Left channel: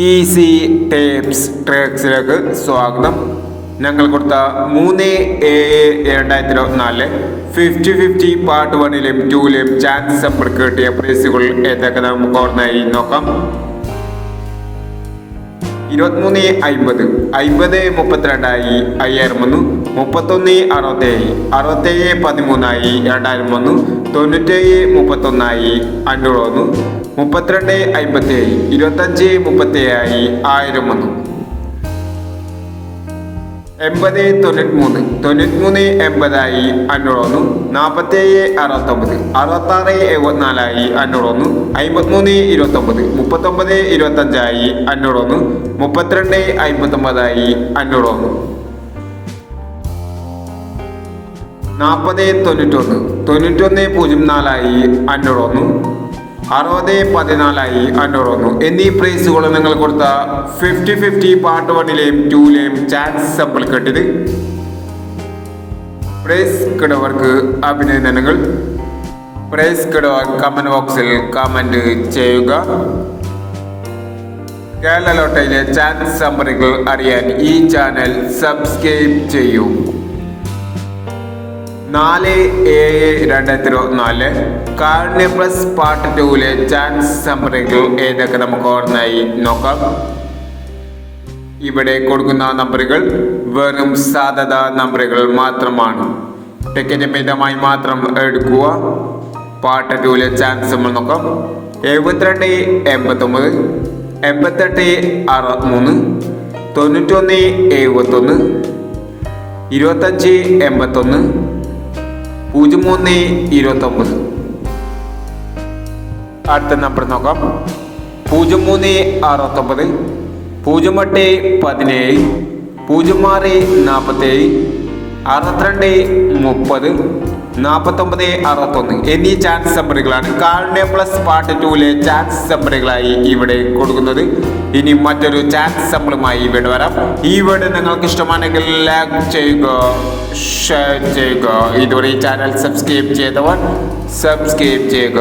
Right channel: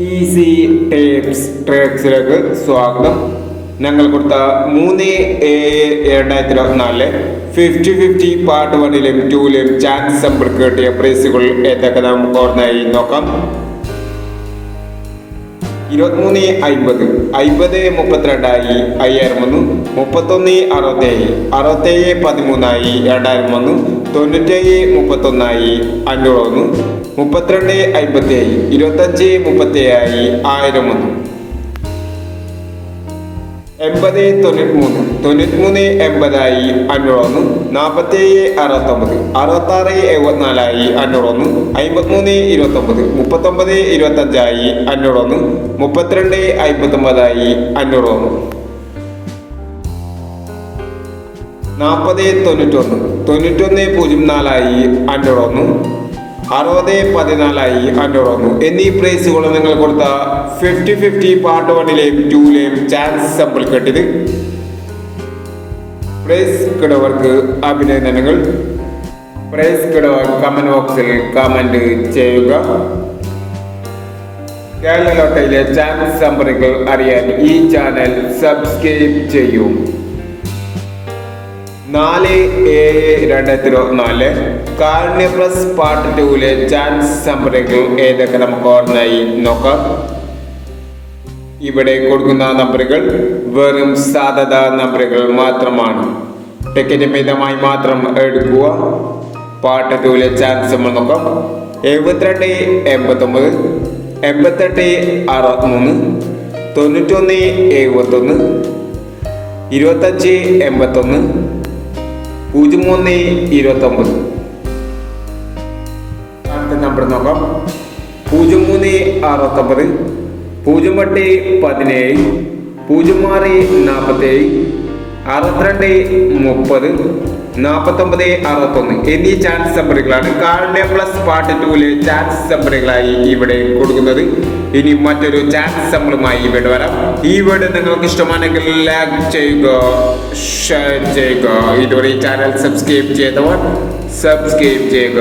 Easy tapes ട്രേക്സിലേക്ക് സ്വാഗതം. ഞങ്ങൾ കൊടുത്ത 3/7/2024 50-50 പാർട്ട് 1ലും 2ലും ചാൻസ് സമ്പർക്ക് കിട്ടിയ പ്രൈസുകൾ ഏതൊക്കെ നമുക്ക് ഓർമ്മയായി നോക്കാം. 23.50 50.32 5,001 31.67 67.13 2,001 97.31 501 32.57 25.37 1,001 80.93 93.80 501 47.69 66.74 501 53.29 39.25 501 32.59 501 40.91 91.04 501 60.14 501 എന്നീ പ്രൈസുകൾ നിങ്ങൾ കൊടുത്ത 50-50 പാർട്ട് 1ലെയും 2ലെയും ചാൻസ് സമ്പിൾ കെട്ടിത്. പ്രൈസ് കിടവർക്ക് അഭിനന്ദനങ്ങൾ. പ്രൈസ് കിടവർ കമന്റ് ബോക്സിൽ കമന്റ് ചെയ്യുക. കേരള ലോട്ടറിയിലെ ചാൻസ് സമ്പറുകൾ അറിയാൻ ഈ ചാനൽ സബ്സ്ക്രൈബ് ചെയ്യൂ. 4/7/2024 കാർണിയ പ്ലസ് പാർട്ട് 2ലെ ചാൻസ് സമ്പറുകൾ ഏതൊക്കെ നമുക്ക് ഓർമ്മയായി നോക്കാം. ഇവിടെ കൊടുക്കുന്ന നമ്പറുകൾ വെറും സാധ്യത നമ്പറുകൾ മാത്രമാണ്. ടിക്കറ്റ് മിതമായി മാത്രം എടുക്കുക. പാർട്ട് 2ലെ ചാൻസ് നമ്മൾ നോക്കാം. 72-89 88-63 91-71 25-81 03-29. അടുത്ത നമ്പർ നോക്കാം. 03-69 08-17 06-47 62-30 49-61 എന്നീ chance നമ്പറുകളാണ് carnea plus part 2ലെ chance നമ്പറുകളായി ഇവിടെ കൊടുക്കുന്നത്. ഇനി മറ്റൊരു ചാൻസ് നമ്പറുമായി ഇവിടെ വരാം. ഈ വീഡിയോ നിങ്ങൾക്ക് ഇഷ്ടമാണെങ്കിൽ ലൈക്ക് ചെയ്യുക, ഷെയർ ചെയ്യുക. ഇതുവരെ ഈ ചാനൽ സബ്സ്ക്രൈബ് ചെയ്തവർ സബ്സ്ക്രൈബ് ചെയ്യുക.